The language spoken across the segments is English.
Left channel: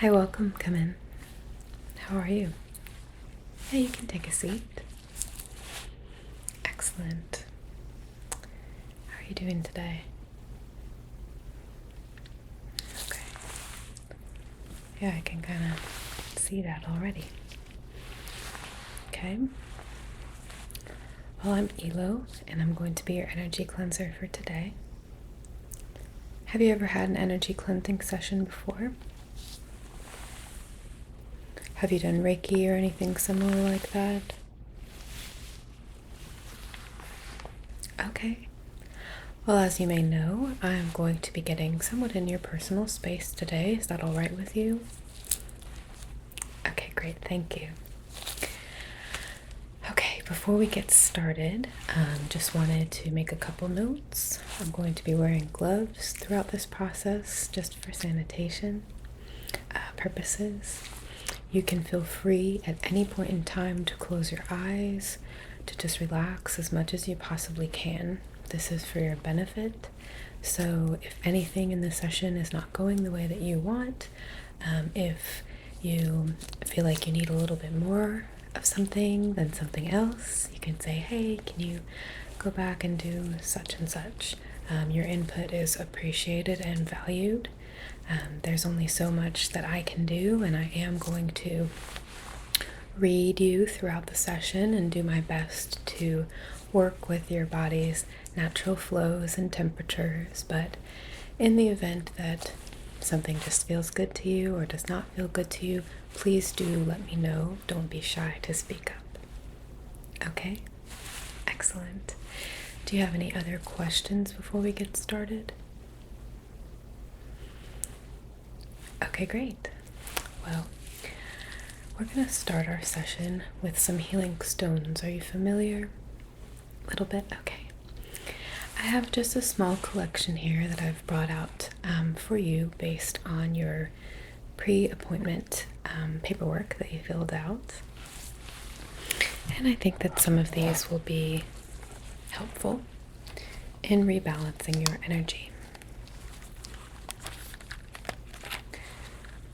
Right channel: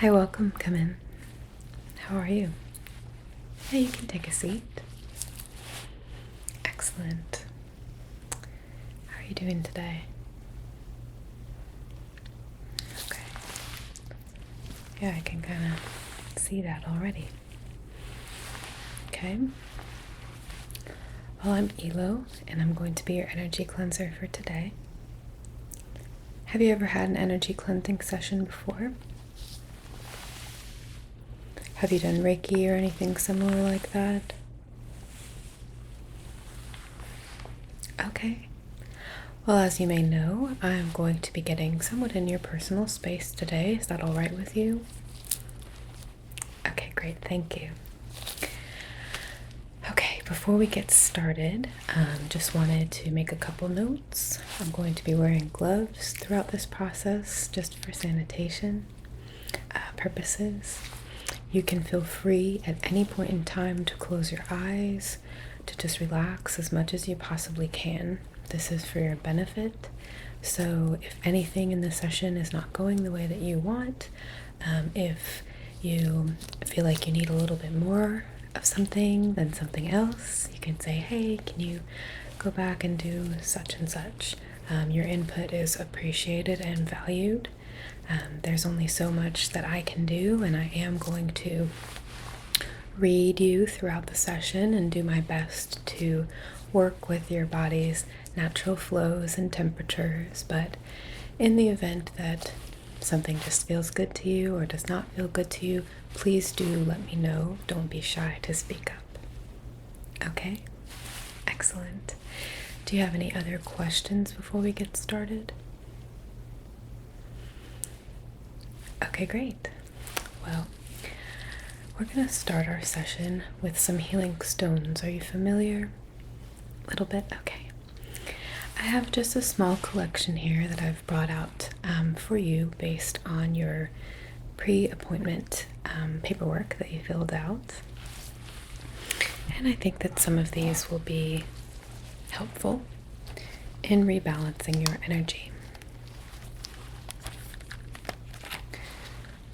Hi, welcome. Come in. How are you? Yeah, you can take a seat. Excellent. How are you doing today? Okay. Yeah, I can kind of see that already. Okay. Well, I'm Elo, and I'm going to be your energy cleanser for today. Have you ever had an energy cleansing session before? Have you done Reiki or anything similar like that? Okay. Well, as you may know, I'm going to be getting somewhat in your personal space today. Is that all right with you? Okay, great. Thank you. Okay, before we get started, just wanted to make a couple notes. I'm going to be wearing gloves throughout this process just for sanitation purposes. You can feel free at any point in time to close your eyes, to just relax as much as you possibly can. This is for your benefit. So if anything in the session is not going the way that you want, if you feel like you need a little bit more of something than something else, you can say, hey, can you go back and do such and such? Your input is appreciated and valued. There's only so much that I can do, and I am going to read you throughout the session and do my best to work with your body's natural flows and temperatures. But in the event that something just feels good to you or does not feel good to you, please do let me know. Don't be shy to speak up. Okay? Excellent. Do you have any other questions before we get started? Okay, great. Well, we're going to start our session with some healing stones. Are you familiar? A little bit? Okay. I have just a small collection here that I've brought out for you based on your pre-appointment paperwork that you filled out. And I think that some of these will be helpful in rebalancing your energy.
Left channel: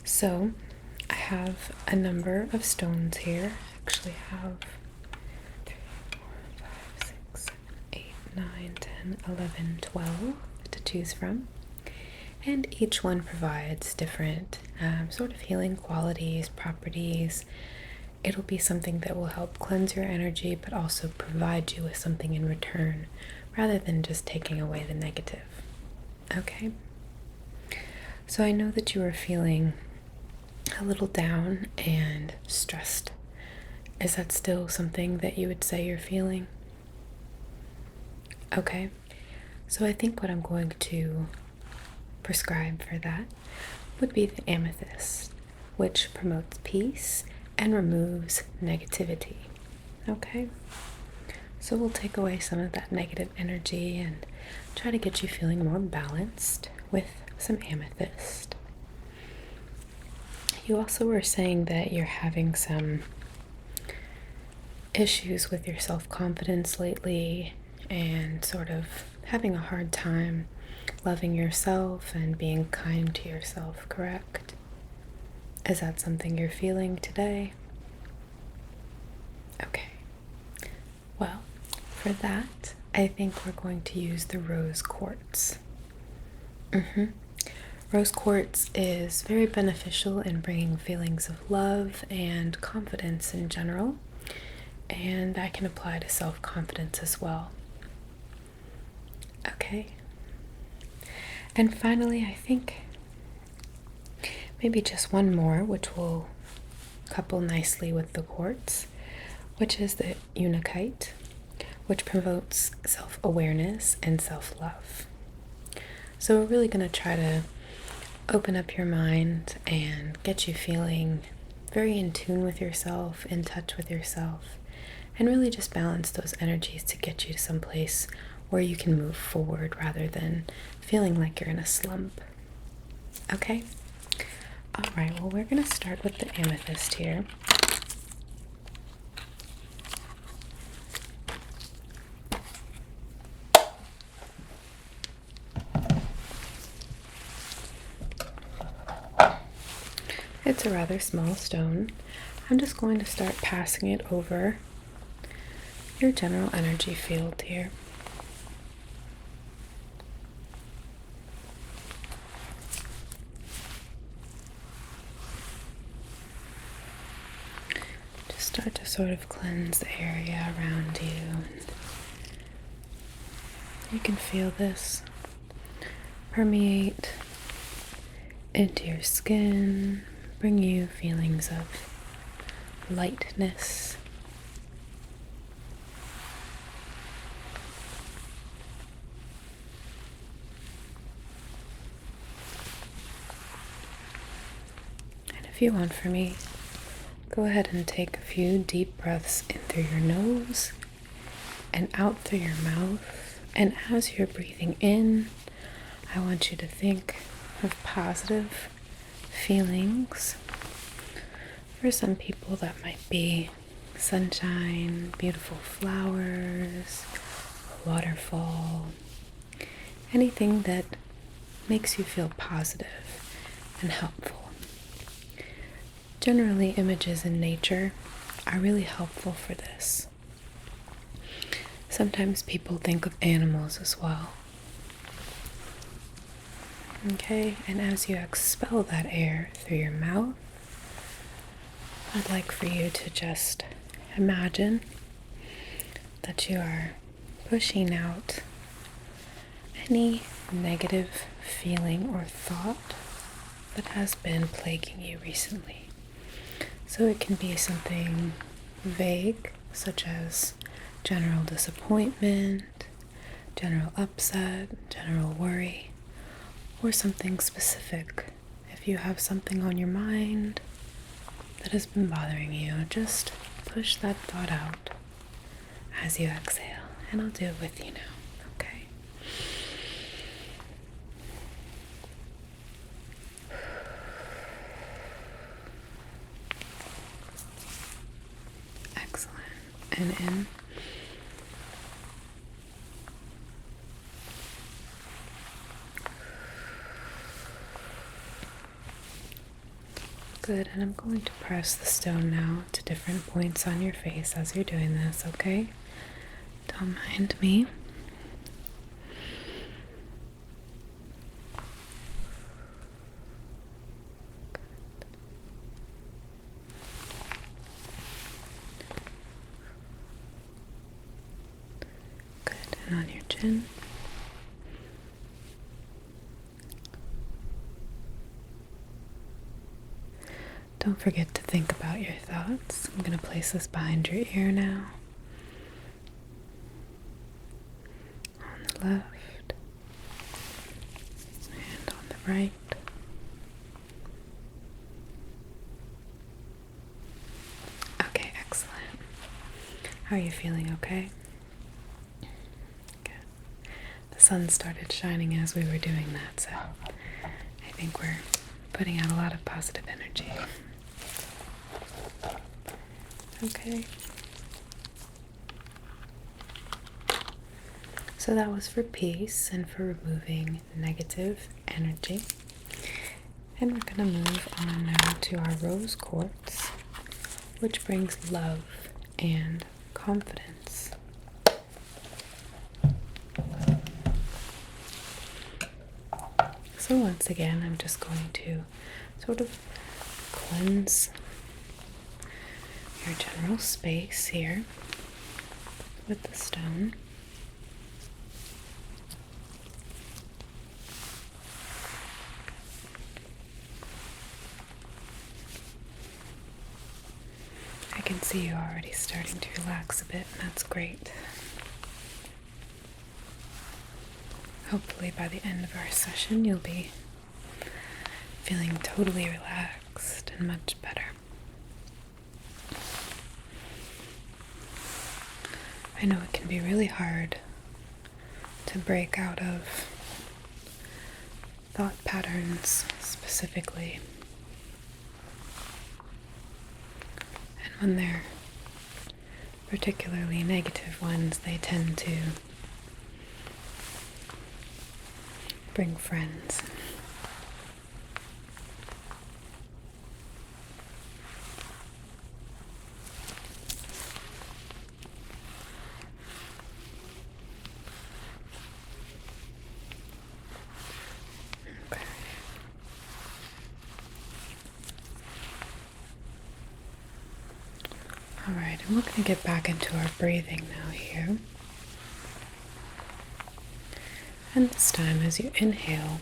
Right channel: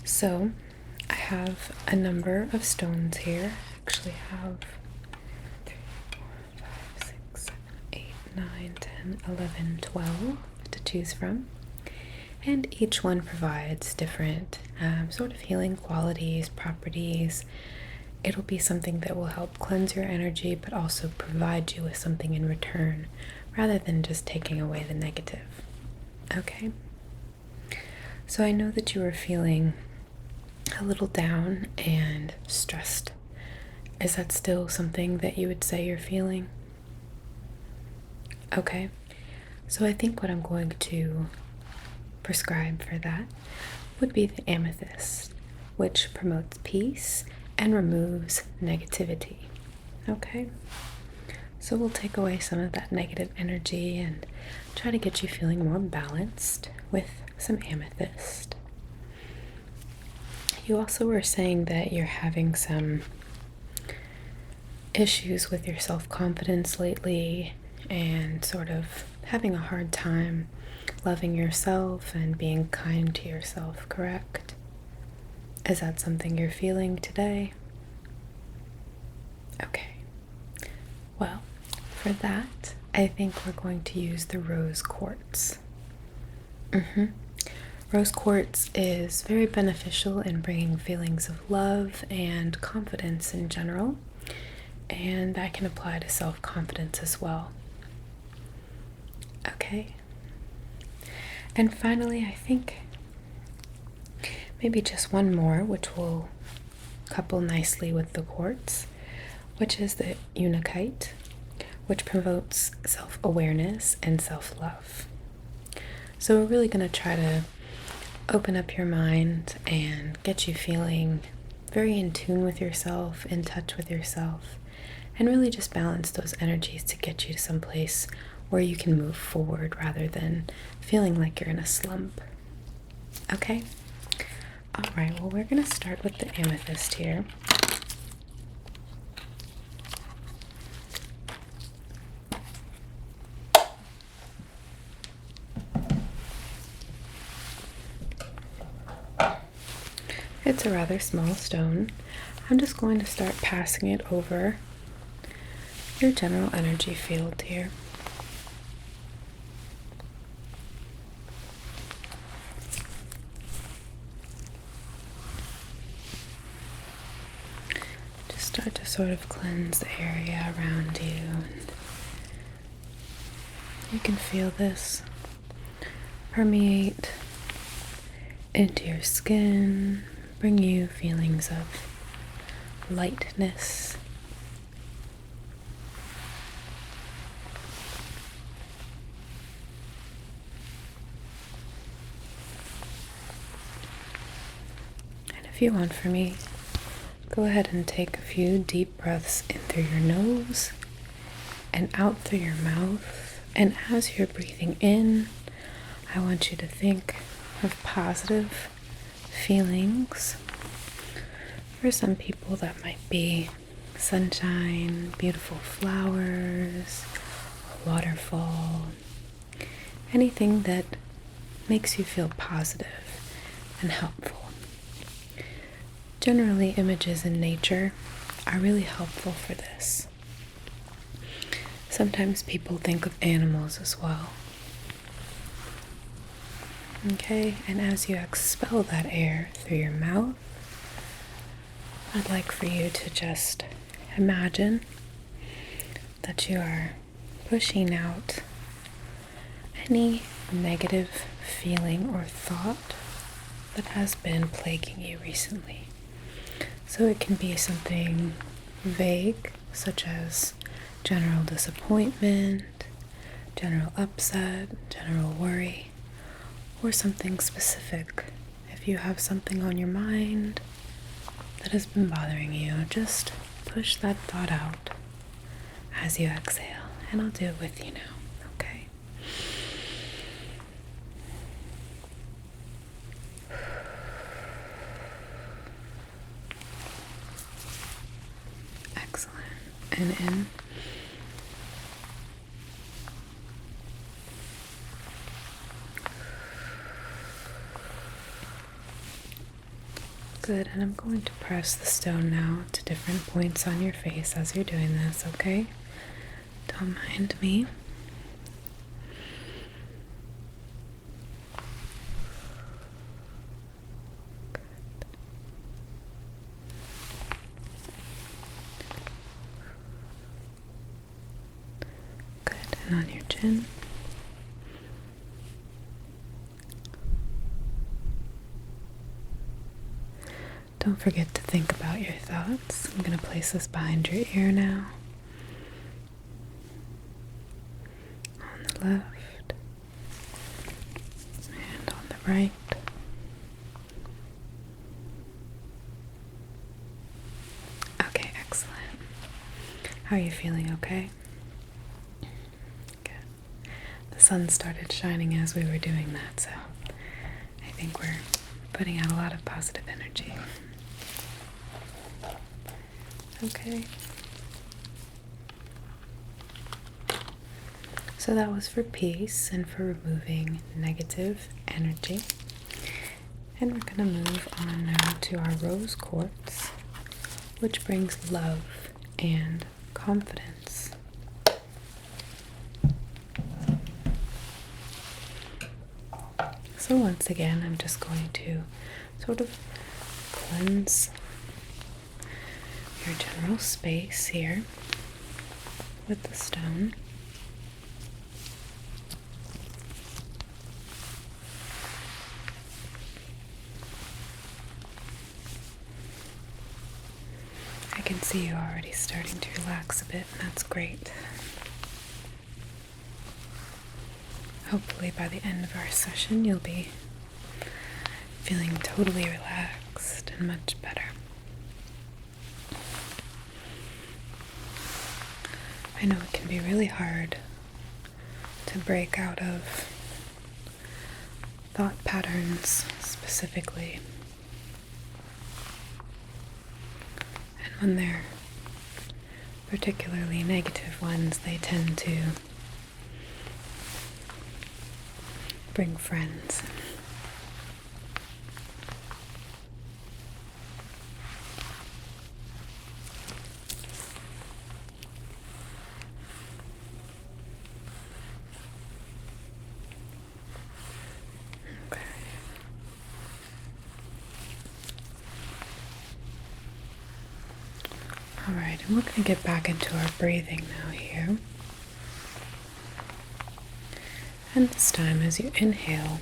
So I have a number of stones here. I actually have 3, 4, 5, 6, 7, 8, 9, 10, 11, 12 to choose from. And each one provides different sort of healing qualities, properties. It'll be something that will help cleanse your energy, but also provide you with something in return, rather than just taking away the negative. Okay? So I know that you are feeling a little down and stressed. Is that still something that you would say you're feeling? Okay. So I think what I'm going to prescribe for that would be the amethyst, which promotes peace and removes negativity. Okay? So we'll take away some of that negative energy and try to get you feeling more balanced with some amethyst. You also were saying that you're having some issues with your self-confidence lately and sort of having a hard time loving yourself and being kind to yourself, correct? Is that something you're feeling today? Okay. Well, for that, I think we're going to use the rose quartz. Rose quartz is very beneficial in bringing feelings of love and confidence in general, and that can apply to self-confidence as well. Okay. And finally, I think maybe just one more, which will couple nicely with the quartz, which is the unakite, which promotes self-awareness and self-love. So we're really going to try to open up your mind and get you feeling very in tune with yourself, in touch with yourself, and really just balance those energies to get you to some place where you can move forward rather than feeling like you're in a slump. Okay? All right, well, we're going to start with the amethyst here. It's a rather small stone. I'm just going to start passing it over your general energy field here. Just start to sort of cleanse the area around you. You can feel this permeate into your skin, bring you feelings of lightness. And if you want for me, go ahead and take a few deep breaths in through your nose and out through your mouth. And as you're breathing in, I want you to think of positive feelings. For some people, that might be sunshine, beautiful flowers, a waterfall, anything that makes you feel positive and helpful. Generally, images in nature are really helpful for this. Sometimes people think of animals as well. Okay, and as you expel that air through your mouth, I'd like for you to just imagine that you are pushing out any negative feeling or thought that has been plaguing you recently. So it can be something vague, such as general disappointment, general upset, general worry, or something specific. If you have something on your mind that has been bothering you, just push that thought out as you exhale, and I'll do it with you now, okay? Excellent. And in. Good, and I'm going to press the stone now to different points on your face as you're doing this, okay? Don't mind me. Good, and on your chin. Don't forget to think about your thoughts. I'm going to place this behind your ear now. On the left and on the right. Okay, excellent. How are you feeling, okay? Good. The sun started shining as we were doing that, so I think we're putting out a lot of positive energy. Okay. So that was for peace and for removing negative energy. And we're going to move on now to our rose quartz, which brings love and confidence. So once again, I'm just going to sort of cleanse your general space here with the stone. I can see you already starting to relax a bit, and that's great. Hopefully by the end of our session you'll be feeling totally relaxed and much better. I know it can be really hard to break out of thought patterns specifically. And when they're particularly negative ones, they tend to bring friends. Alright, and we're going to get back into our breathing now here. And this time, as you inhale,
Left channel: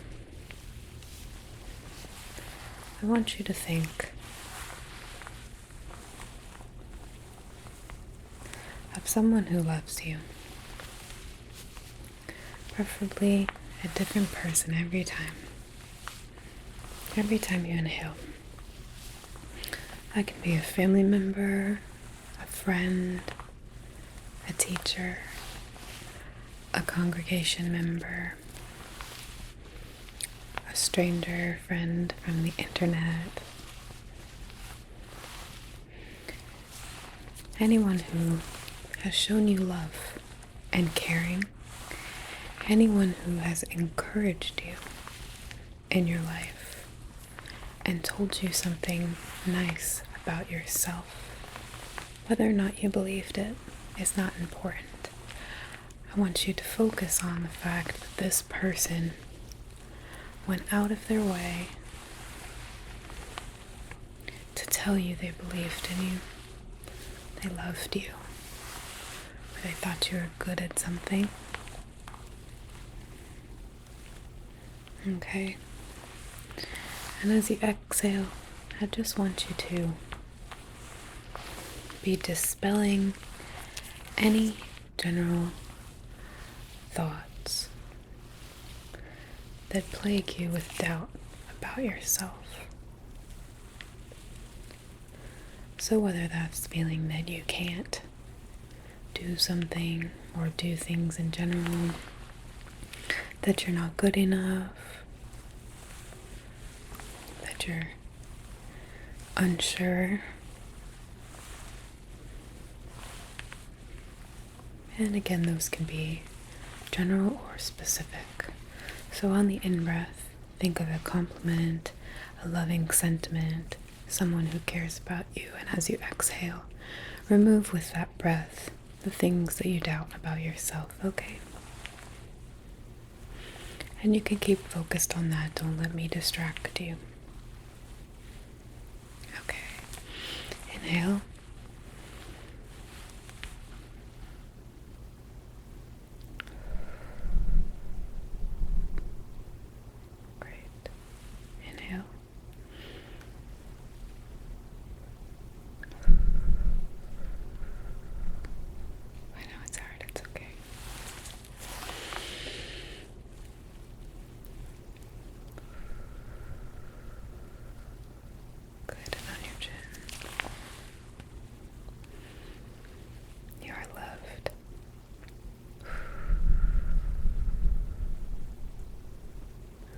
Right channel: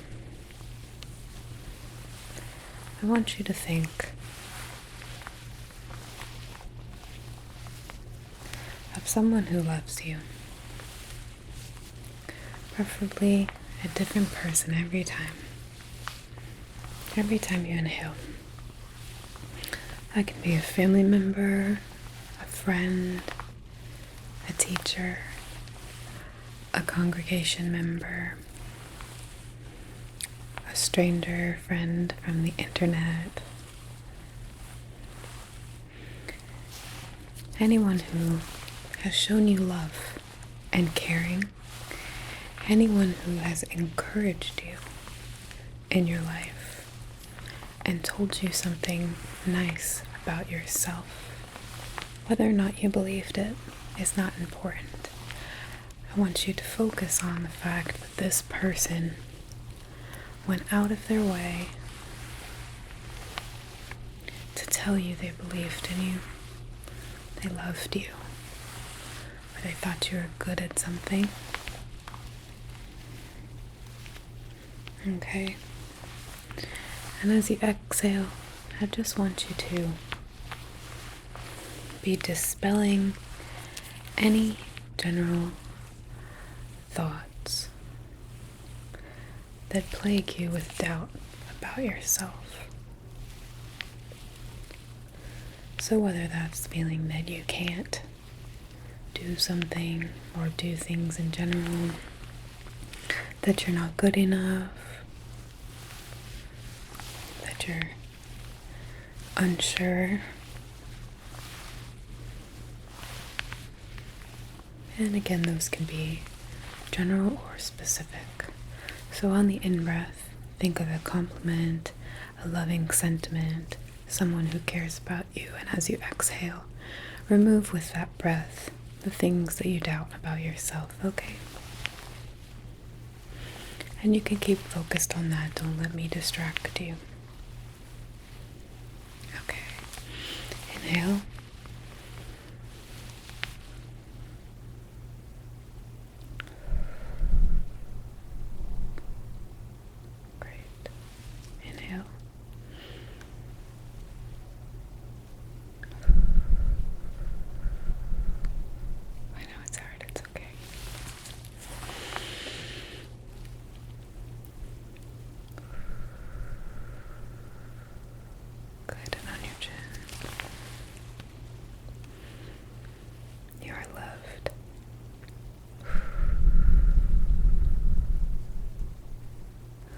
I want you to think of someone who loves you. Preferably a different person every time. Every time you inhale. That can be a family member, a friend, a teacher, a congregation member, a stranger, friend from the internet, anyone who has shown you love and caring, anyone who has encouraged you in your life and told you something nice about yourself. Whether or not you believed it is not important. I want you to focus on the fact that this person went out of their way to tell you they believed in you, they loved you, or they thought you were good at something. Okay? And as you exhale, I just want you to be dispelling any general thoughts that plague you with doubt about yourself. So whether that's feeling that you can't do something or do things in general, that you're not good enough, that you're unsure, and again, those can be general or specific. So on the in-breath, think of a compliment, a loving sentiment, someone who cares about you, and as you exhale, remove with that breath the things that you doubt about yourself, okay? And you can keep focused on that, don't let me distract you. Okay, inhale. Inhale. I know it's hard, it's okay. Good, and on your chin. You are loved.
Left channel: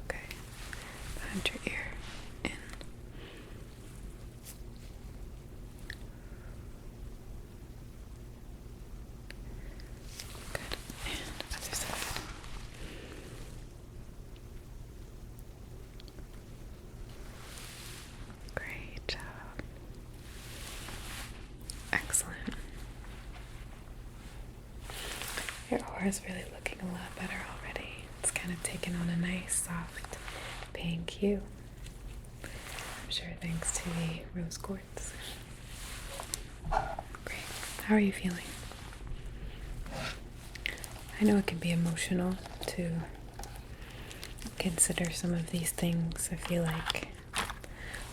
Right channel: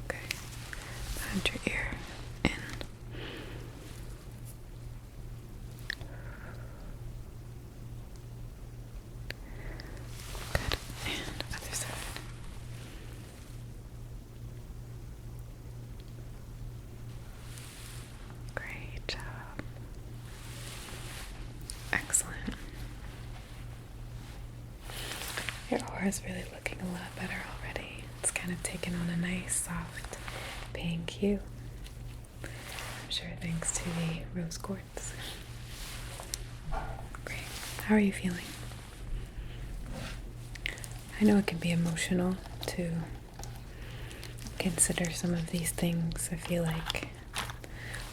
Okay. Behind your ear. In. Good. And other side. Great job. Excellent. Your aura is really looking a lot better already. It's kind of taken on a nice, soft pink hue. I'm sure thanks to the rose quartz. Great. How are you feeling? I know it can be emotional to consider some of these things. I feel like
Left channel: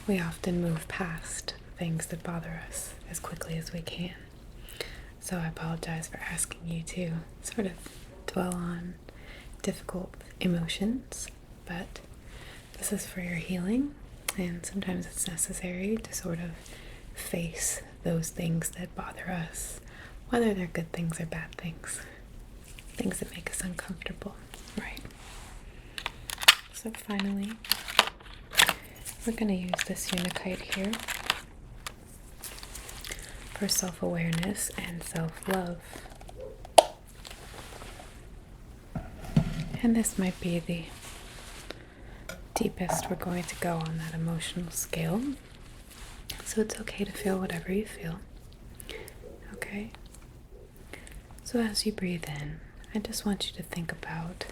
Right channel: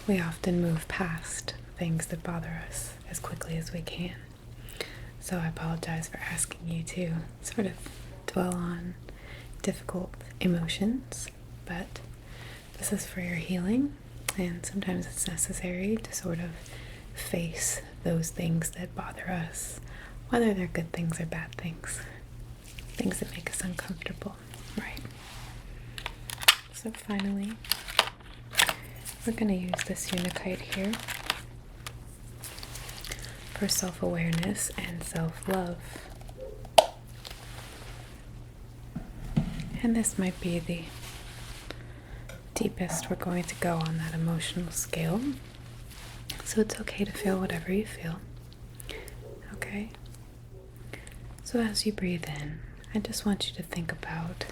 we often move past things that bother us as quickly as we can. So I apologize for asking you to sort of dwell on difficult emotions, but this is for your healing, and sometimes it's necessary to sort of face those things that bother us, whether they're good things or bad things, things that make us uncomfortable, right? So finally, we're going to use this Unakite here for self-awareness and self-love. And this might be the deepest we're going to go on that emotional scale. So it's okay to feel whatever you feel. Okay? So as you breathe in, I just want you to think about,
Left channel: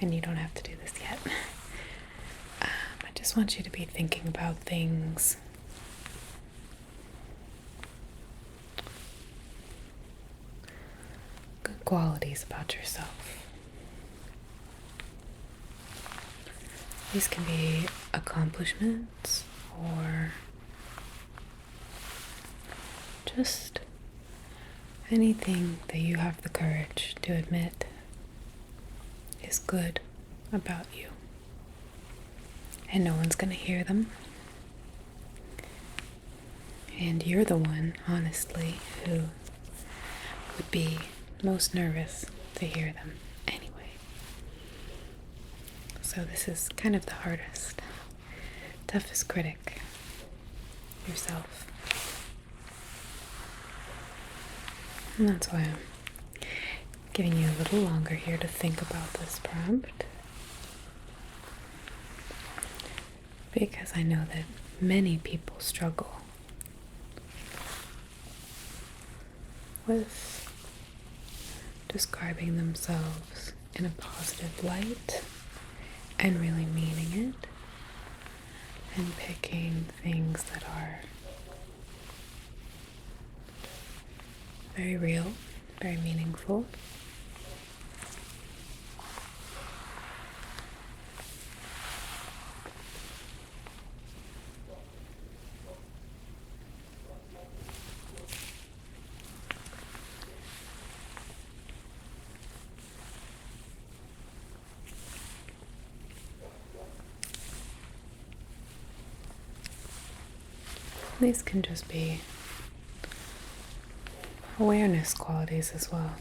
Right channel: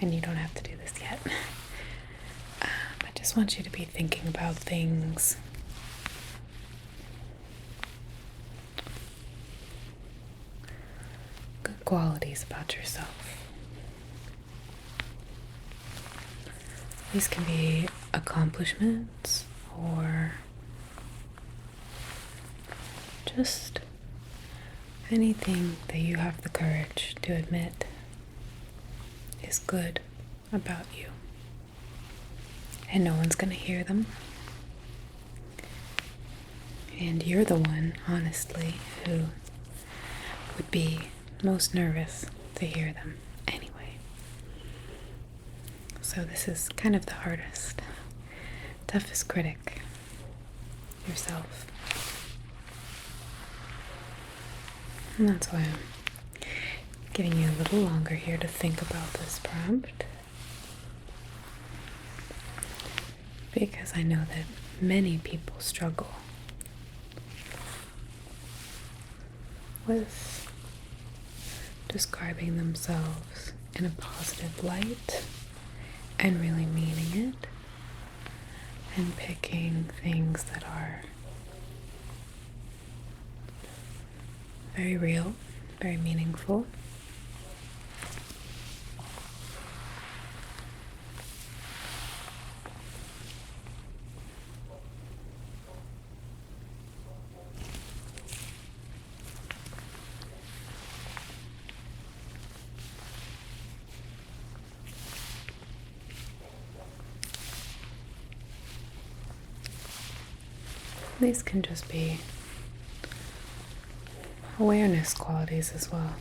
and you don't have to do this yet, I just want you to be thinking about things qualities about yourself. These can be accomplishments or just anything that you have the courage to admit is good about you. And no one's gonna hear them. And you're the one, honestly, who would be most nervous to hear them anyway. So this is kind of the hardest, toughest critic, yourself. And that's why I'm giving you a little longer here to think about this prompt. Because I know that many people struggle with describing themselves in a positive light and really meaning it, and picking things that are very real, very meaningful. These can just be awareness qualities as well.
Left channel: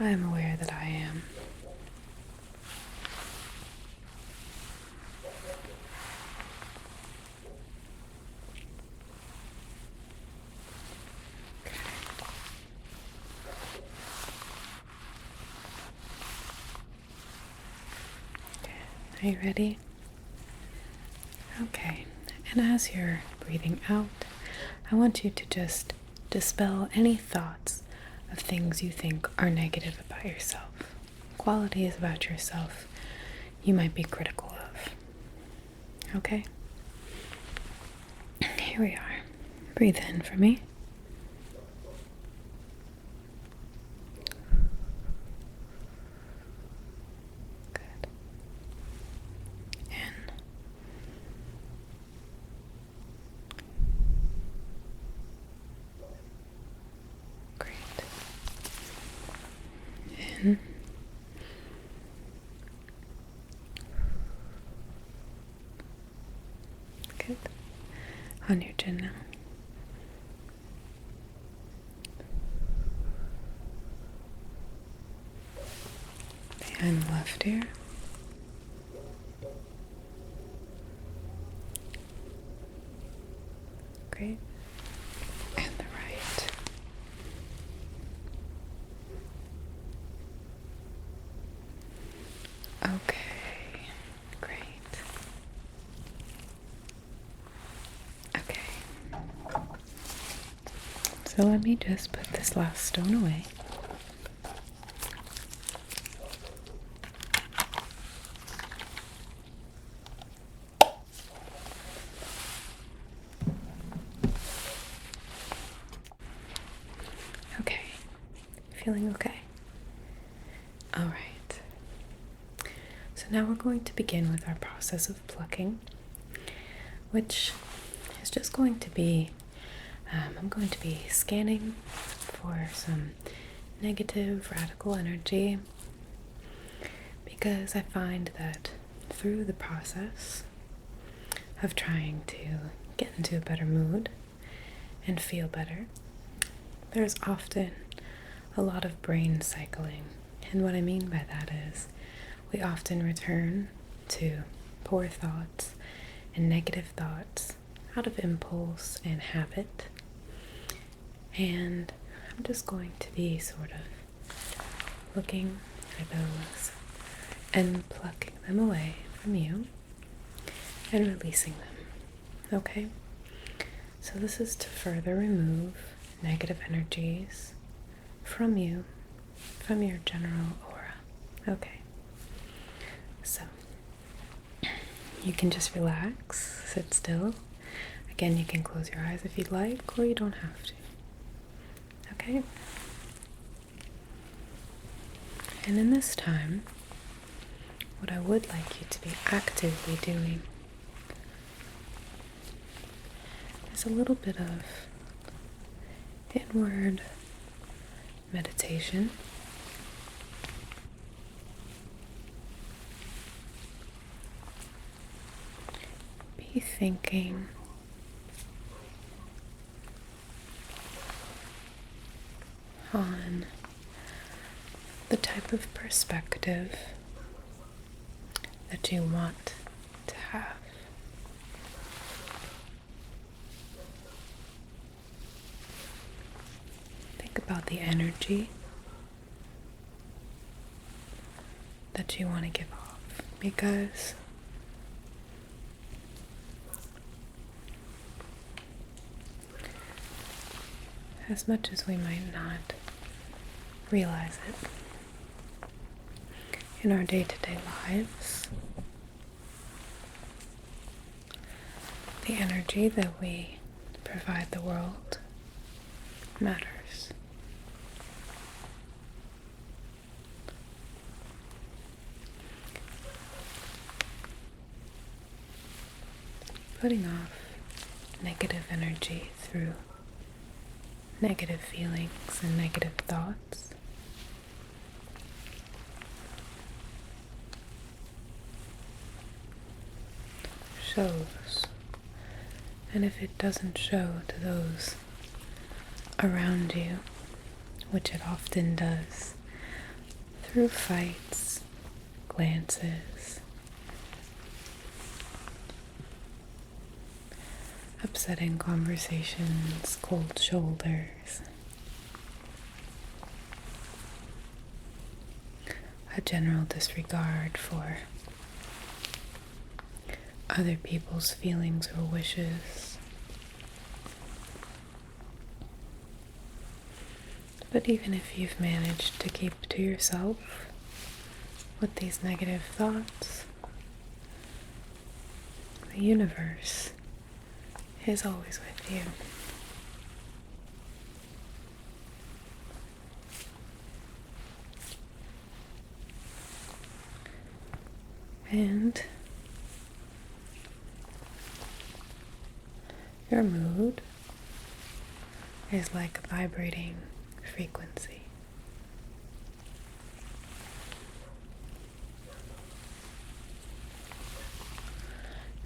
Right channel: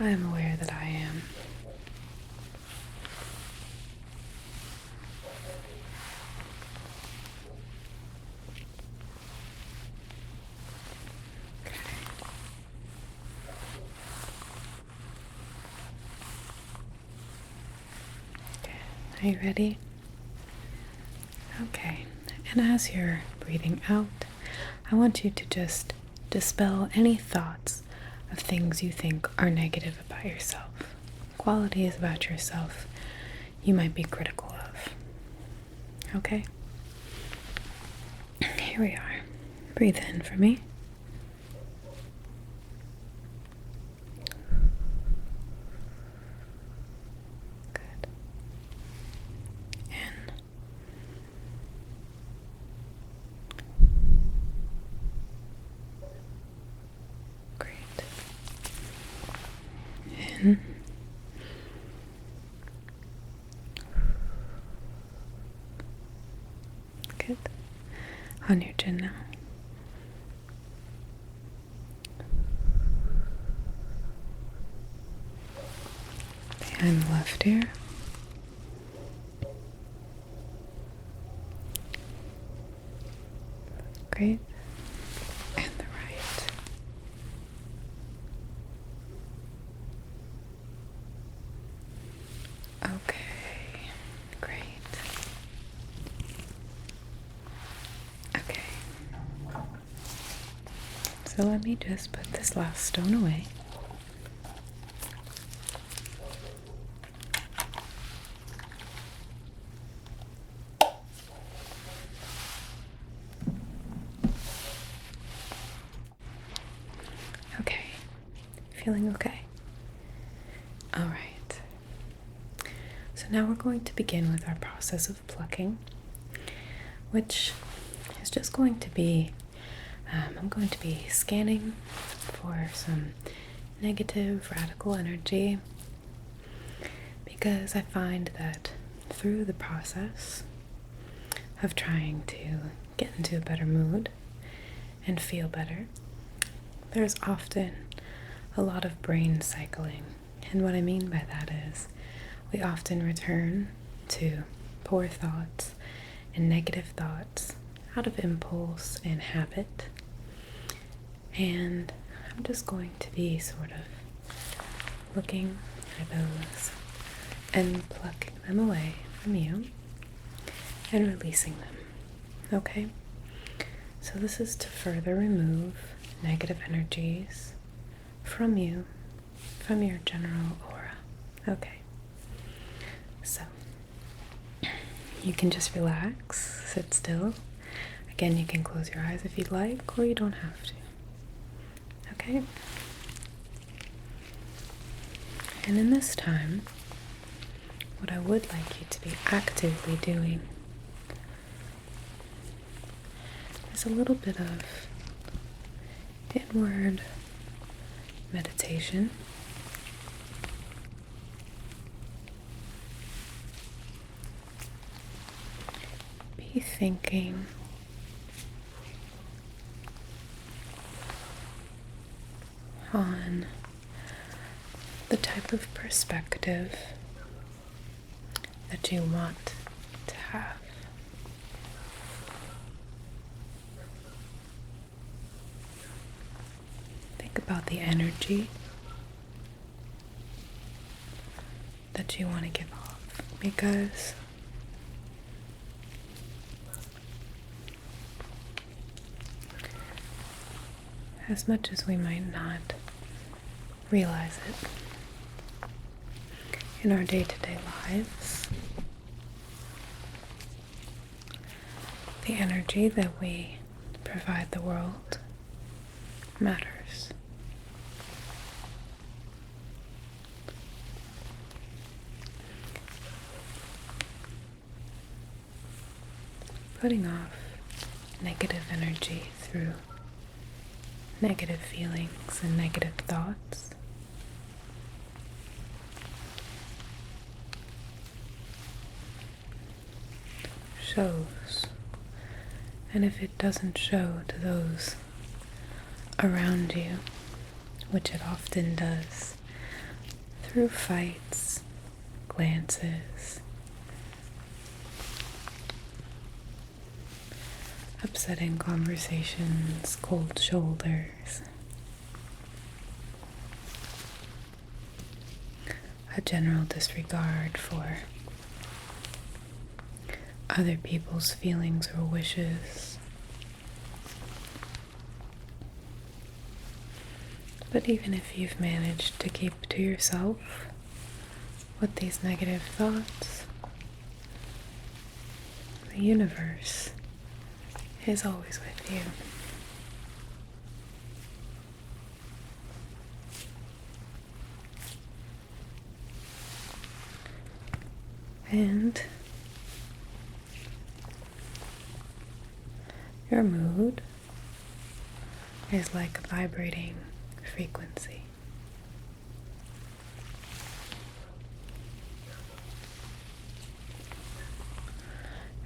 I am aware that I am. Okay. Are you ready? Okay, and as you're breathing out, I want you to just dispel any thoughts of things you think are negative about yourself, qualities about yourself you might be critical of. Okay? Here we are. Breathe in for me. Good. In. In. Good. On your chin now. Behind the left ear. Great. And the right. Okay, great. Okay. So let me just put this last stone away. Okay. Feeling okay? All right. So now we're going to begin with our process of plucking, which is just going to be, I'm going to be scanning for some negative radical energy, because I find that through the process of trying to get into a better mood and feel better, there's often a lot of brain cycling. And what I mean by that is we often return to poor thoughts and negative thoughts out of impulse and habit. And I'm just going to be sort of looking for those and plucking them away from you and releasing them. Okay? So this is to further remove negative energies from you, from your general aura. Okay. So you can just relax, sit still. Again, you can close your eyes if you'd like, or you don't have to. Okay? And in this time, what I would like you to be actively doing is a little bit of inward meditation. Be thinking on the type of perspective that you want to have. Think about the energy that you want to give off, because as much as we might not realize it in our day-to-day lives, the energy that we provide the world matters. Putting off negative energy through negative feelings and negative thoughts shows, and if it doesn't show to those around you, which it often does, through fights, glances, upsetting conversations, cold shoulders, a general disregard for other people's feelings or wishes. But even if you've managed to keep to yourself with these negative thoughts, the universe is always with you. And your mood is like a vibrating frequency.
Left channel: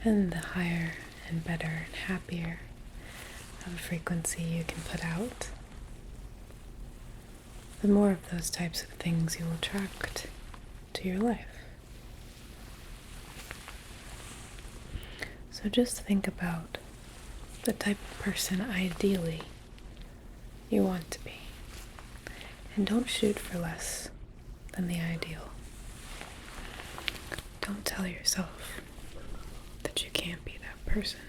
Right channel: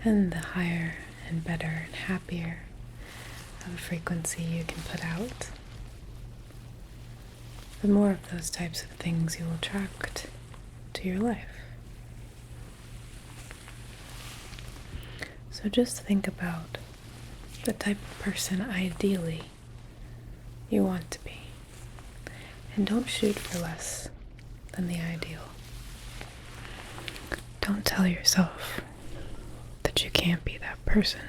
And the higher and better and happier of a frequency you can put out, the more of those types of things you will attract to your life. So just think about the type of person ideally you want to be, and don't shoot for less than the ideal. Don't tell yourself that you can't be that person.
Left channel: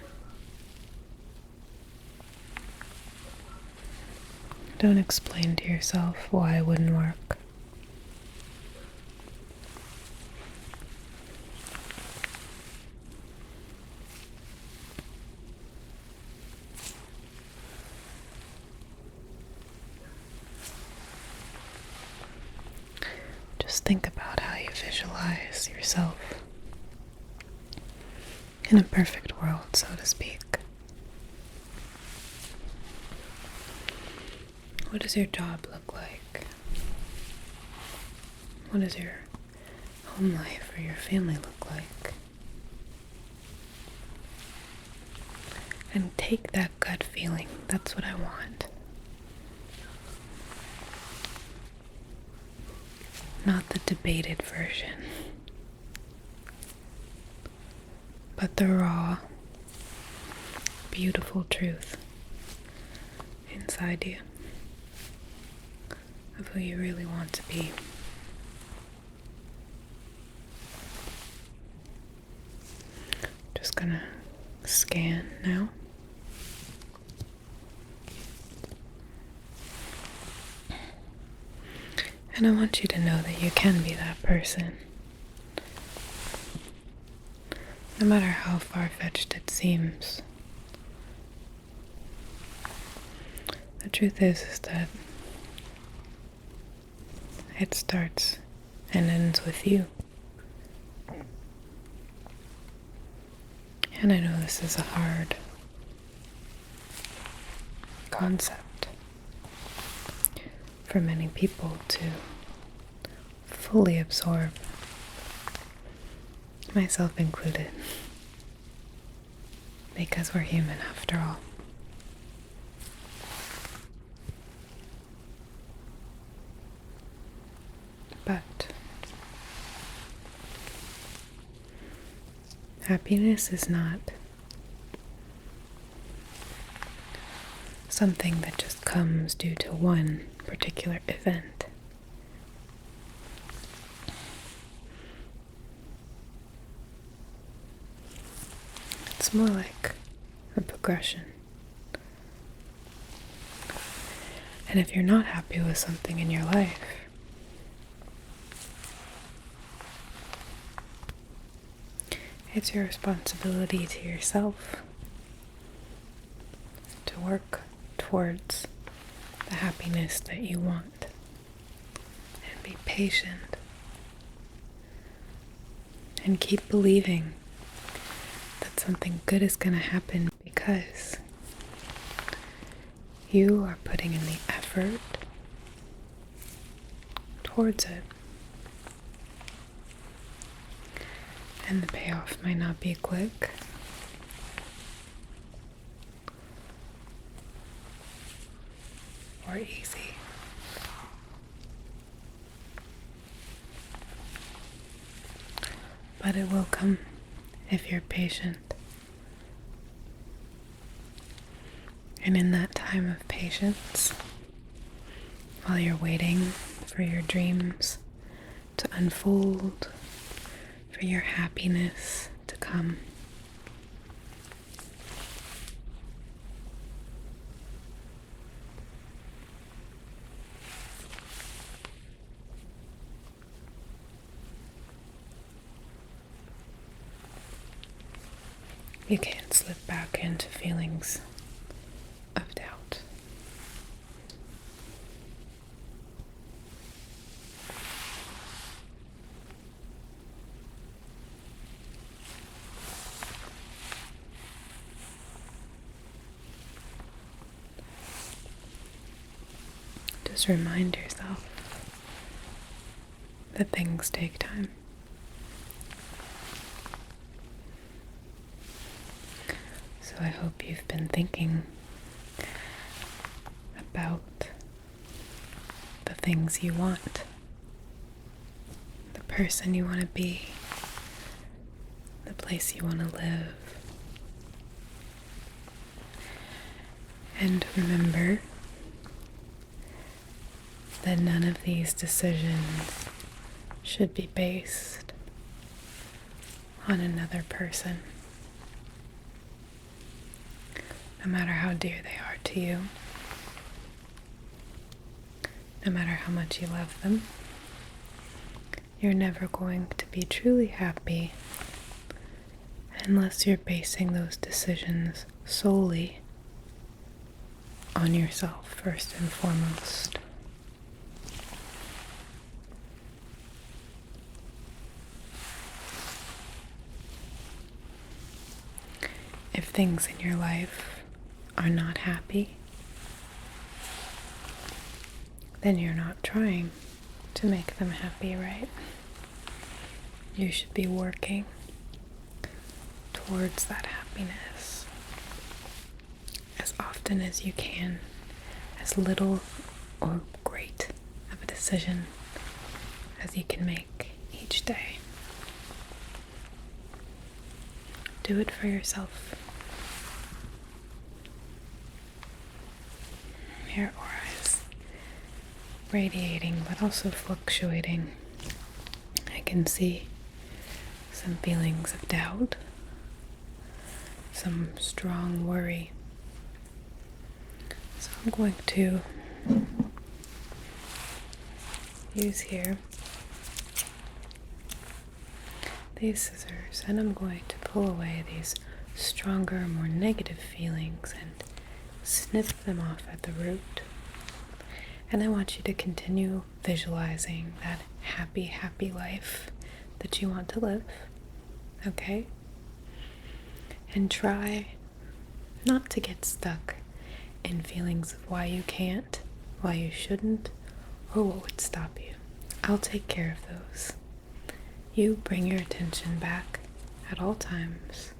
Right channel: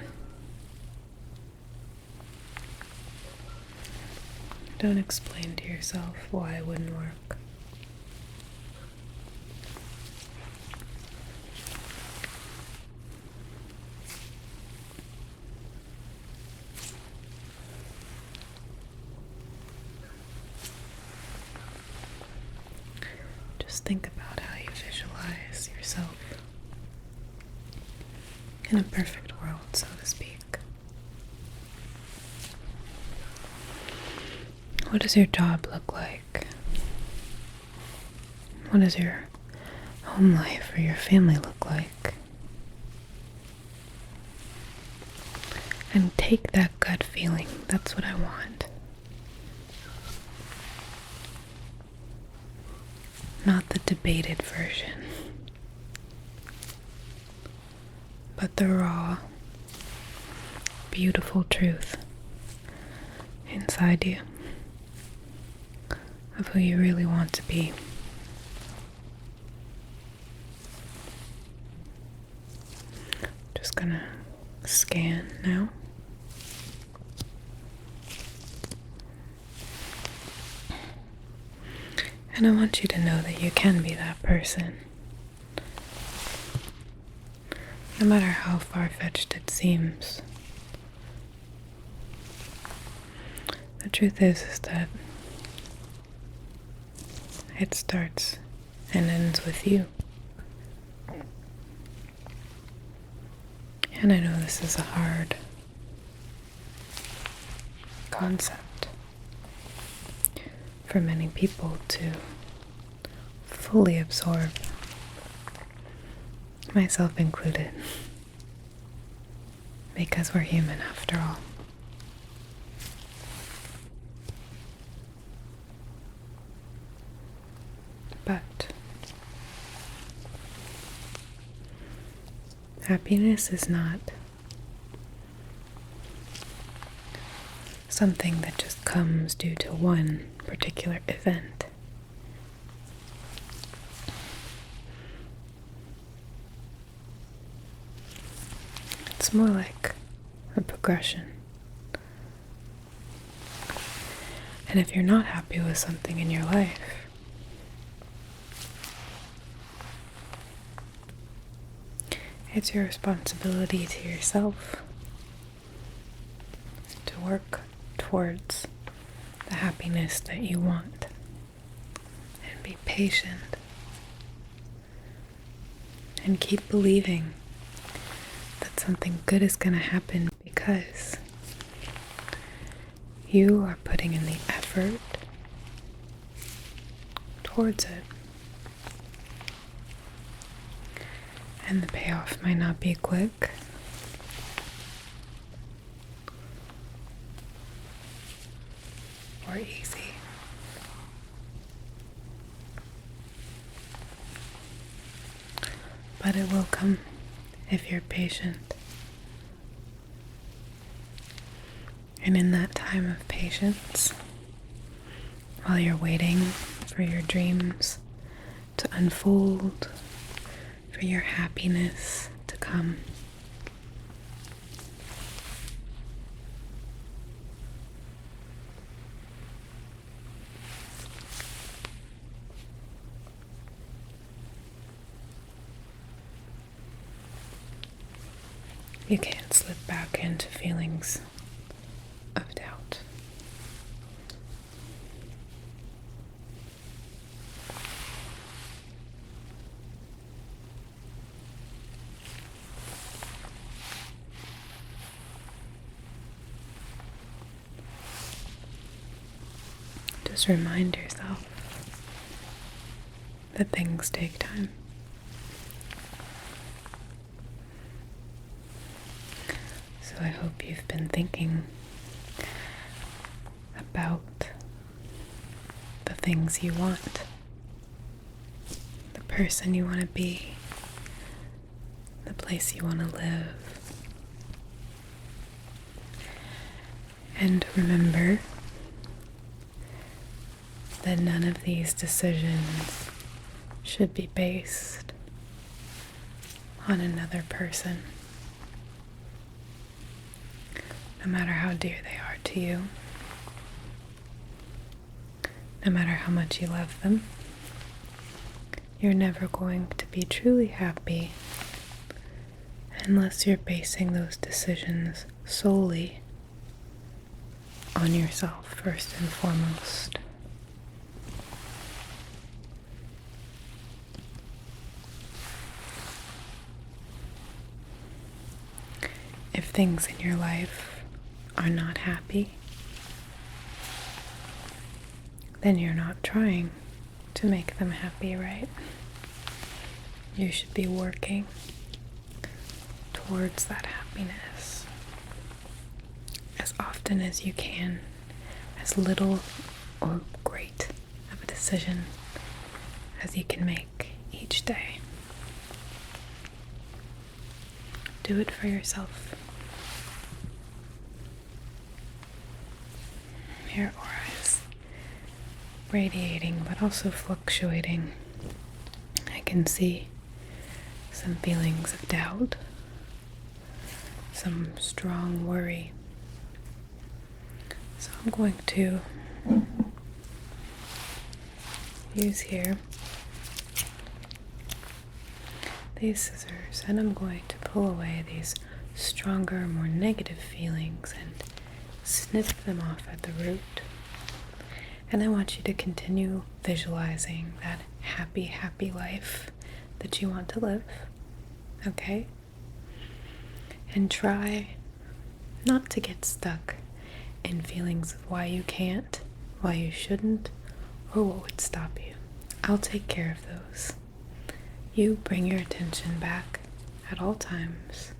Don't explain to yourself why it wouldn't work. Just think about how you visualize yourself in a perfect world, so to speak. What does your job look like? What does your home life or your family look like? And take that gut feeling. That's what I want. Not the debated version, but the raw, beautiful truth inside you of who you really want to be. Just gonna scan now. And I want you to know that you can be that person. No matter how far-fetched it seems. The truth is that it starts and ends with you. And I know this is a hard concept for many people to fully absorb, myself included, because we're human after all. But happiness is not something that just comes due to one particular event. It's more like a progression. And if you're not happy with something in your life, it's your responsibility to yourself to work towards the happiness that you want and be patient and keep believing that something good is going to happen because you are putting in the effort towards it. And the payoff might not be quick, or easy. But it will come if you're patient. And in that time of patience, while you're waiting for your dreams to unfold, for your happiness to come, you can't slip back into feelings of doubt. Just remind yourself that things take time. So I hope you've been thinking about the things you want, the person you want to be, the place you want to live. And remember that none of these decisions should be based on another person, no matter how dear they are to you, no matter how much you love them. You're never going to be truly happy unless you're basing those decisions solely on yourself first and foremost. If things in your life are not happy, then you're not trying to make them happy, right? You should be working towards that happiness as often as you can, as little or great of a decision as you can make each day. Do it for yourself. Your aura is radiating but also fluctuating. I can see some feelings of doubt, some strong worry. So I'm going to use here these scissors, and I'm going to pull away these stronger, more negative feelings and snip them off at the root. And I want you to continue visualizing that happy, happy life that you want to live. Okay? And try not to get stuck in feelings of why you can't, why you shouldn't, or what would stop you. I'll take care of those. You bring your attention back at all times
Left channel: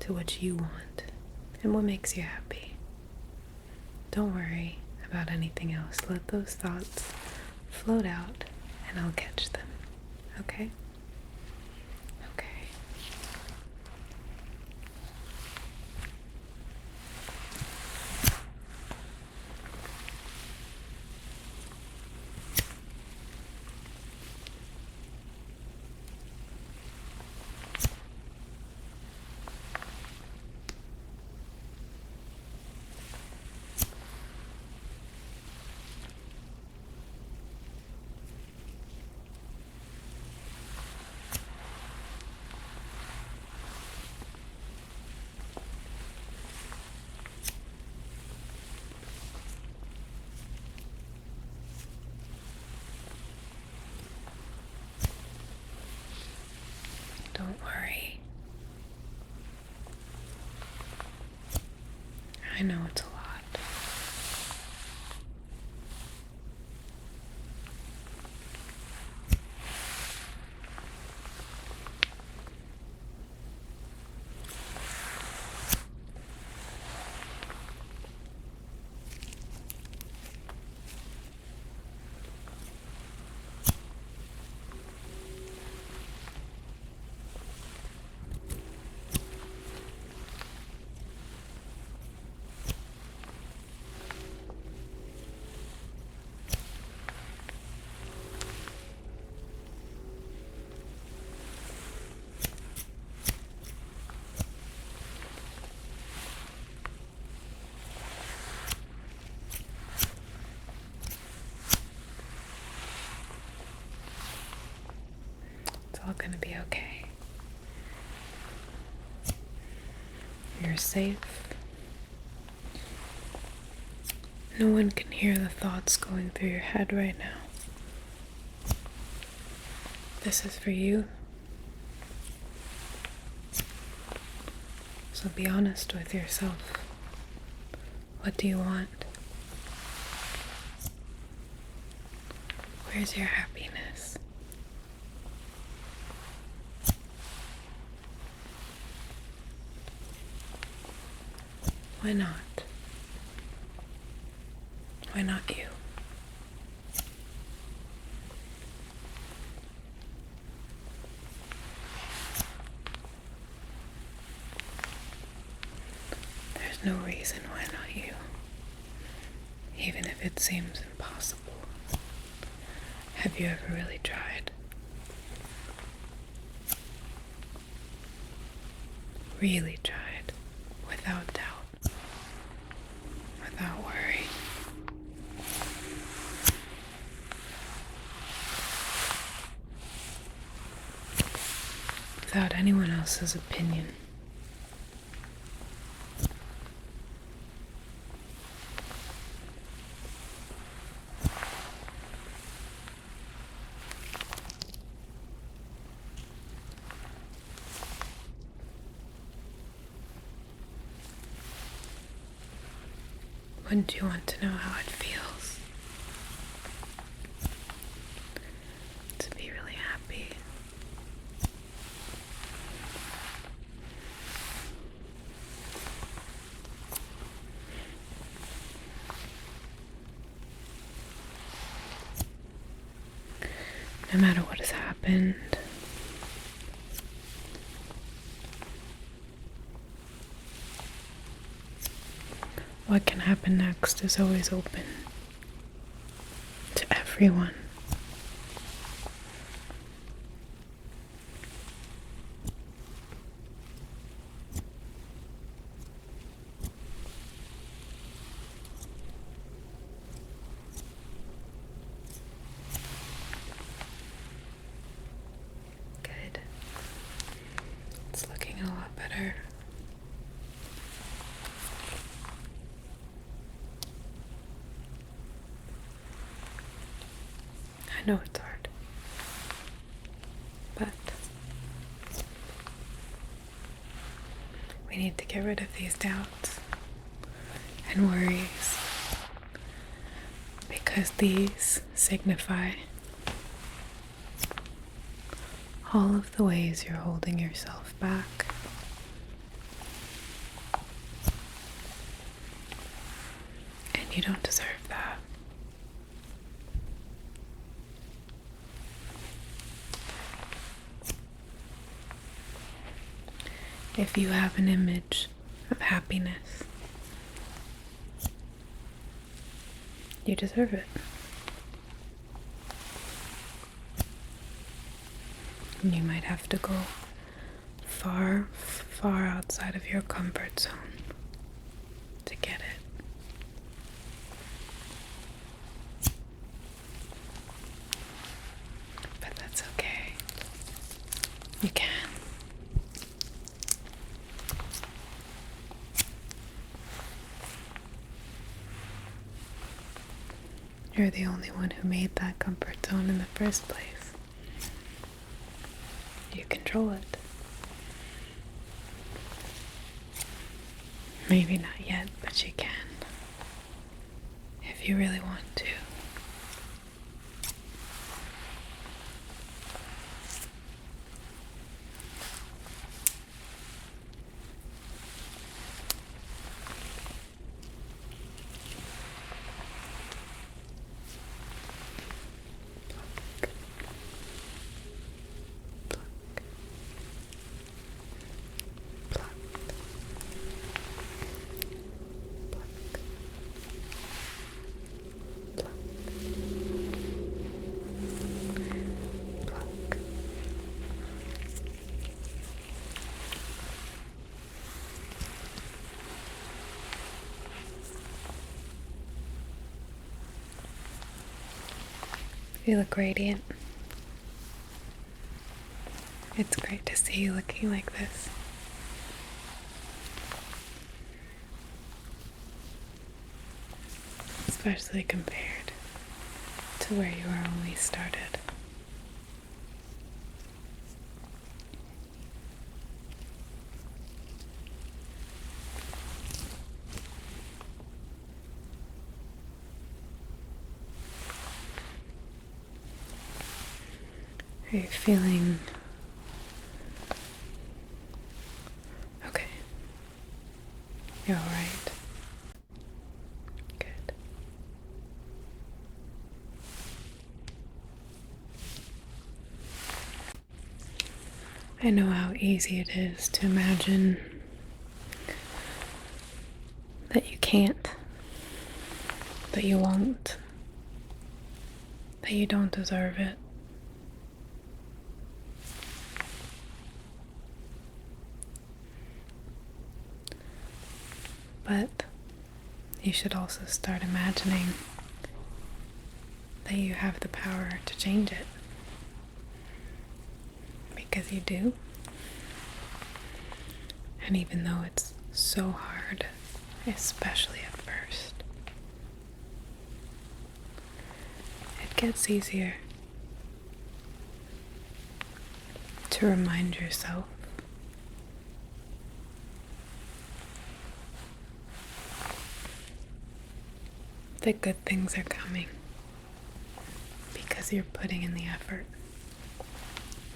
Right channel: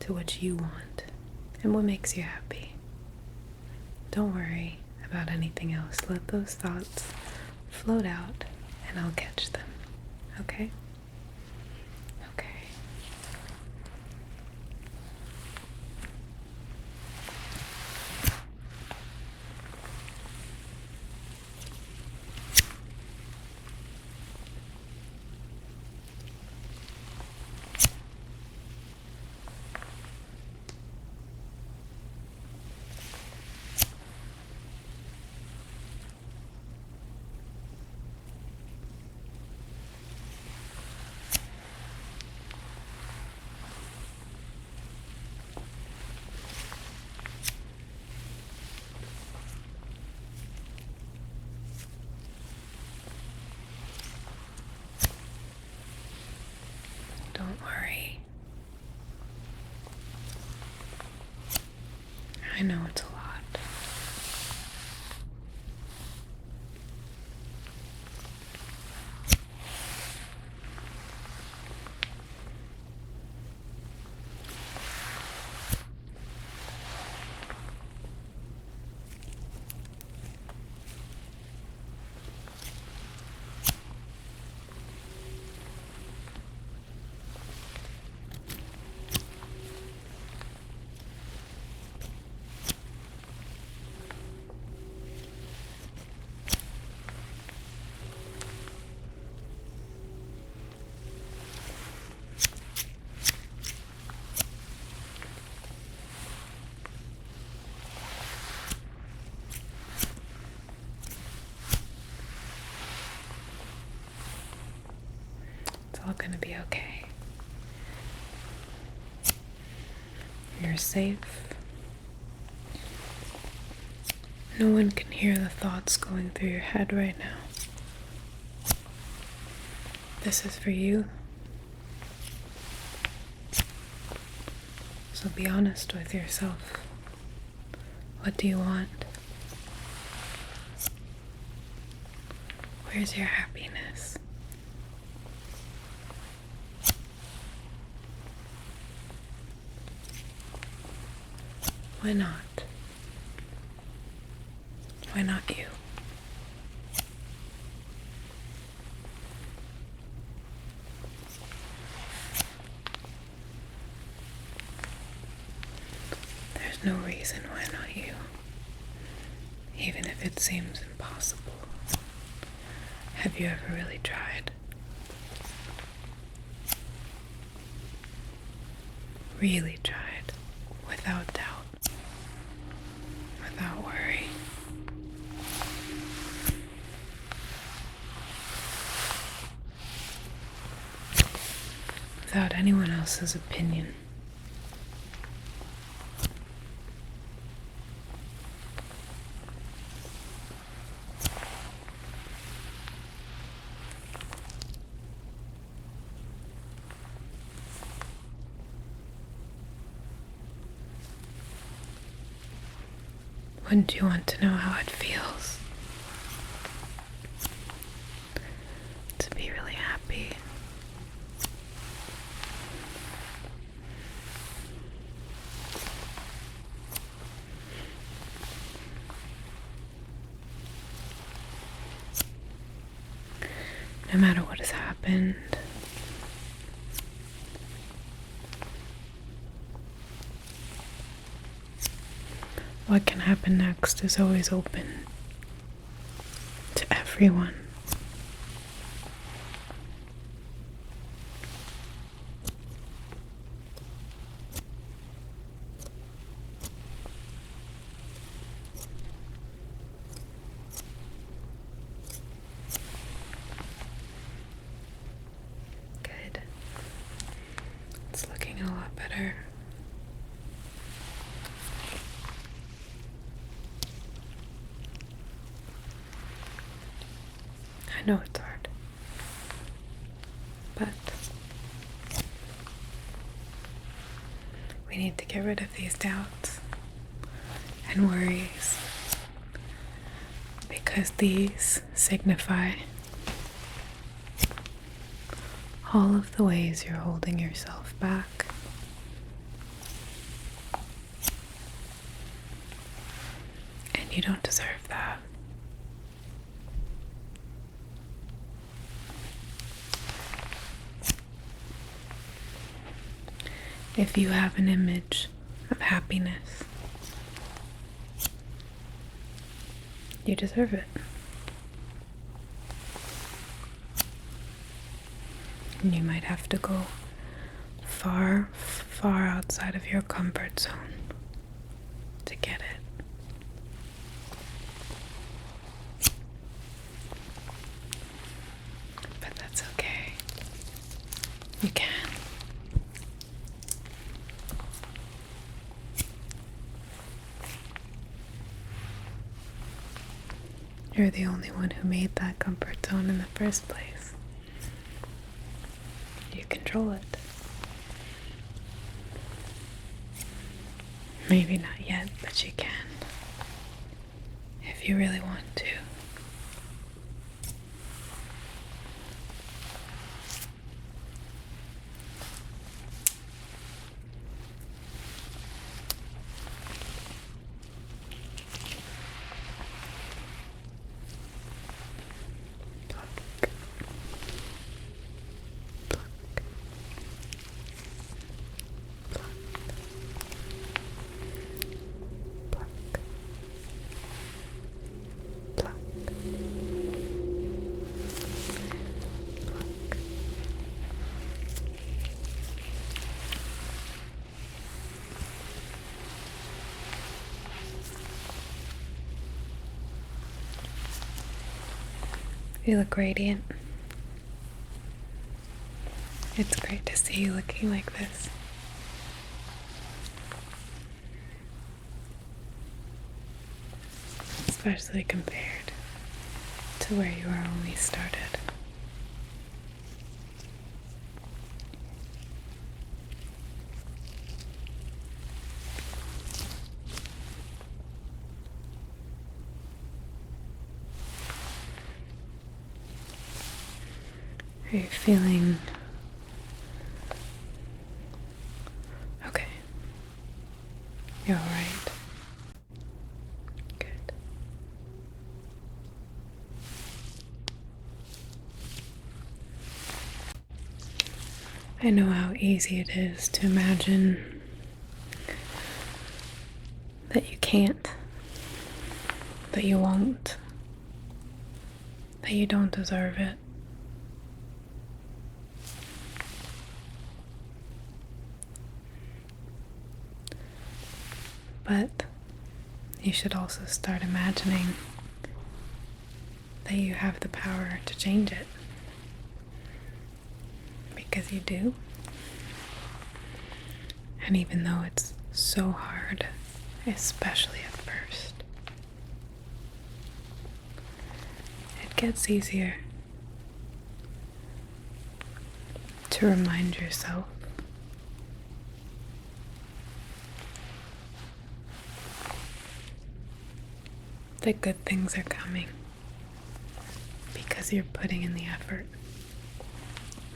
to what you want and what makes you happy. Don't worry about anything else. Let those thoughts float out and I'll catch them. Okay? Okay. Don't worry. I know it's a lot. It's all gonna be okay. You're safe. No one can hear the thoughts going through your head right now. This is for you. So be honest with yourself. What do you want? Where's your happiness? Why not? Why not you? There's no reason why not you, even if it seems impossible. Have you ever really tried? Really tried, without doubt, without worry. Without anyone else's opinion. Wouldn't you want to know how it feels to be really happy? No matter what has happened, what can happen next is always open to everyone. Good. It's looking a lot better. I know it's hard, but we need to get rid of these doubts and worries, because these signify all of the ways you're holding yourself back. And you don't deserve that. If you have an image of happiness, you deserve it. And you might have to go far, far outside of your comfort zone to get it. But that's okay. You can. You're the only one who made that comfort zone in the first place. You control it. Maybe not yet, but you can. If you really want to. You look radiant. It's great to see you looking like this. Especially compared to where you were when we started. Are you feeling okay? You're all right. Good. I know how easy it is to imagine that you can't, that you won't, that you don't deserve it. But you should also start imagining that you have the power to change it. Because you do. And even though it's so hard, especially at first, it gets easier to remind yourself that good things are coming because you're putting in the effort.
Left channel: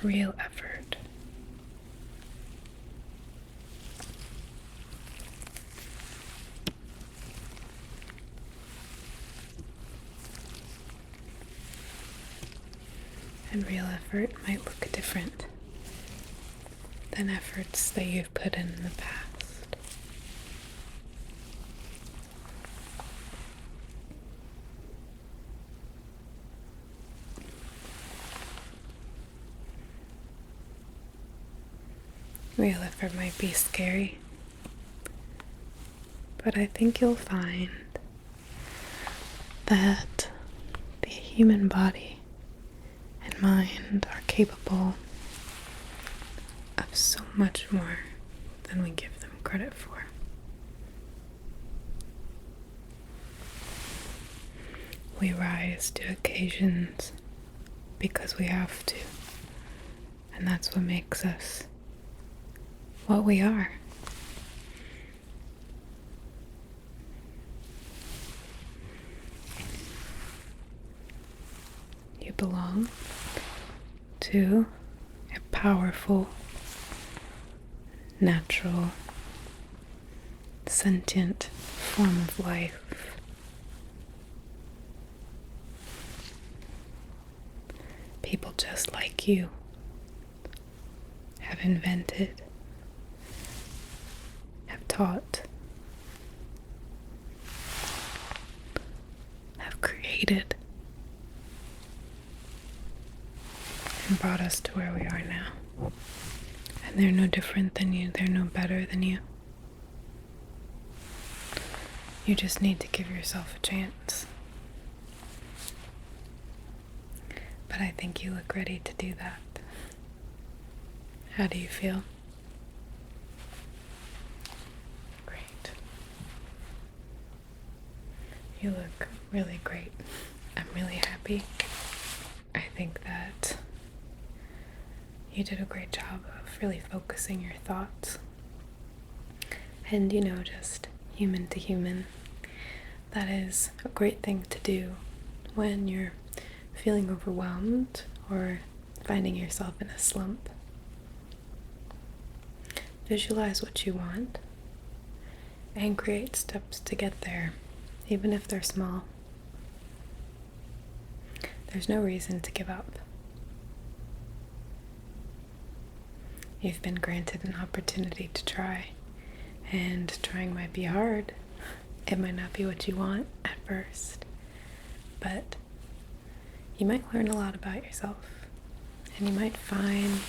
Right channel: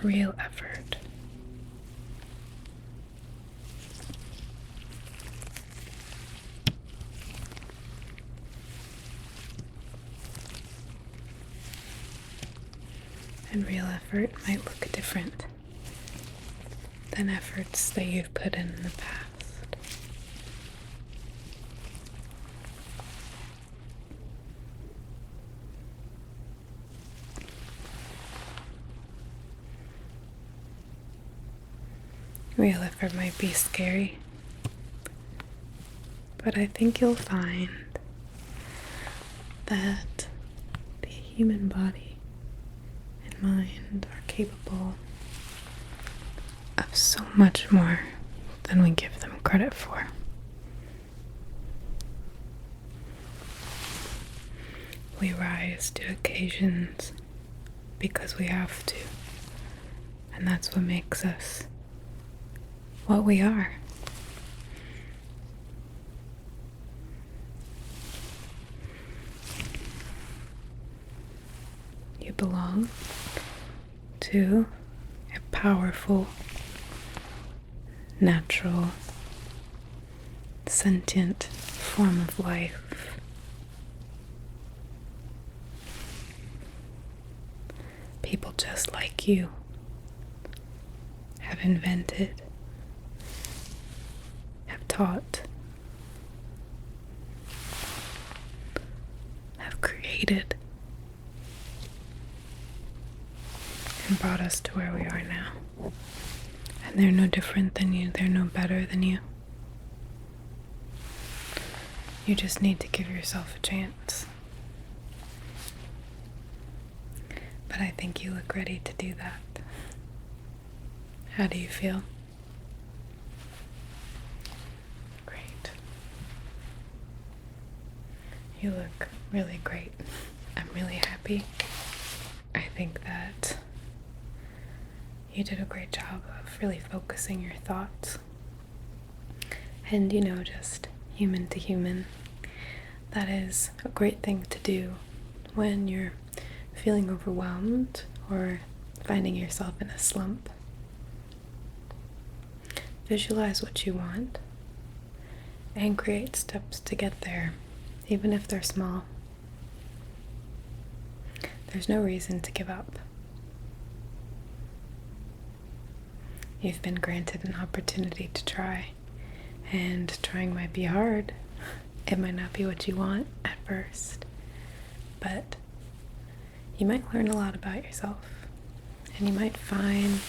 Real effort. And real effort might look different than efforts that you've put in the past. Real effort might be scary, but I think you'll find that the human body and mind are capable of so much more than we give them credit for. We rise to occasions because we have to. And that's what makes us what we are. You belong to a powerful, natural, sentient form of life. People just like you have invented, have taught, have created, and brought us to where we are now. And they're no different than you, they're no better than you. You just need to give yourself a chance. But I think you look ready to do that. How do you feel? Great. You look really great. I'm really happy. I think that you did a great job of really focusing your thoughts. And just human to human. That is a great thing to do when you're feeling overwhelmed or finding yourself in a slump. Visualize what you want and create steps to get there, even if they're small. There's no reason to give up. You've been granted an opportunity to try, and trying might be hard. It might not be what you want at first, but you might learn a lot about yourself, and you might find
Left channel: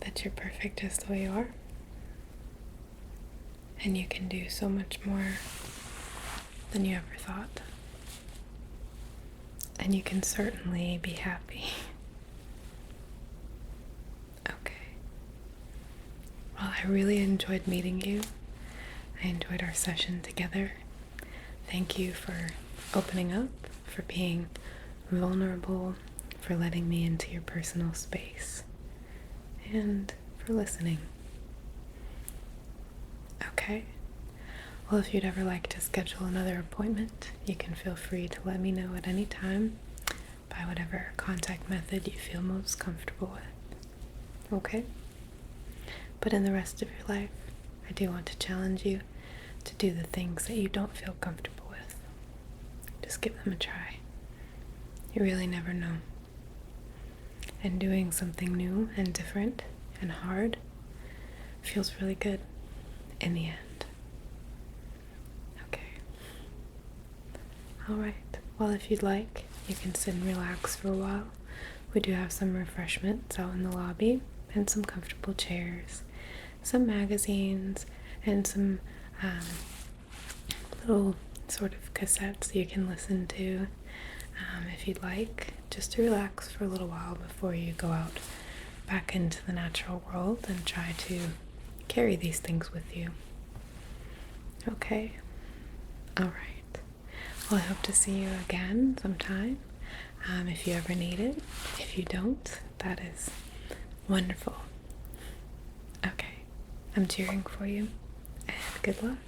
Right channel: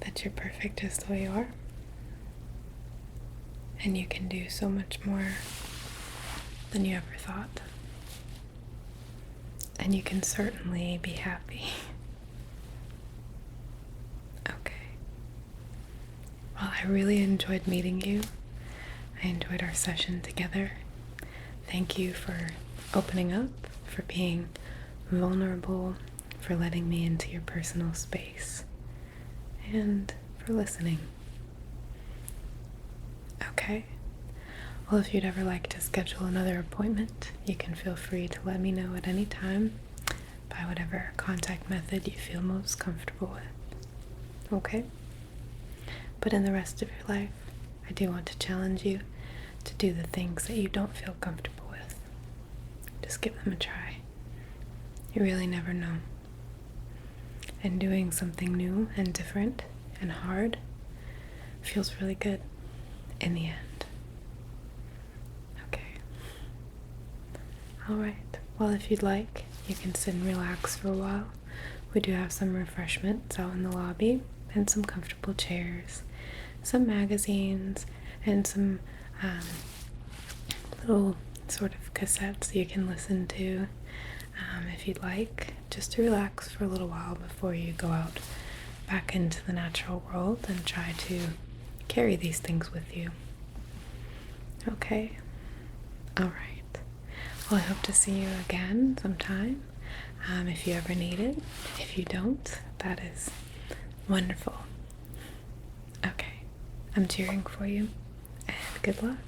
that you're perfect just the way you are, and you can do so much more than you ever thought, and you can certainly be happy. Okay. Well, I really enjoyed meeting you. I enjoyed our session together. Thank you for opening up, for being vulnerable, for letting me into your personal space, and for listening. Okay. Well, if you'd ever like to schedule another appointment, you can feel free to let me know at any time by whatever contact method you feel most comfortable with. Okay? But in the rest of your life, I do want to challenge you to do the things that you don't feel comfortable with. Just give them a try. You really never know. And doing something new and different and hard feels really good in the end. Okay. Alright. Well, if you'd like, you can sit and relax for a while. We do have some refreshments out in the lobby and some comfortable chairs, some magazines, and some little sort of cassettes you can listen to if you'd like, just to relax for a little while before you go out back into the natural world and try to carry these things with you. Okay? Alright. Well, I hope to see you again sometime if you ever need it. If you don't, that is wonderful. Okay. I'm cheering for you, and good luck.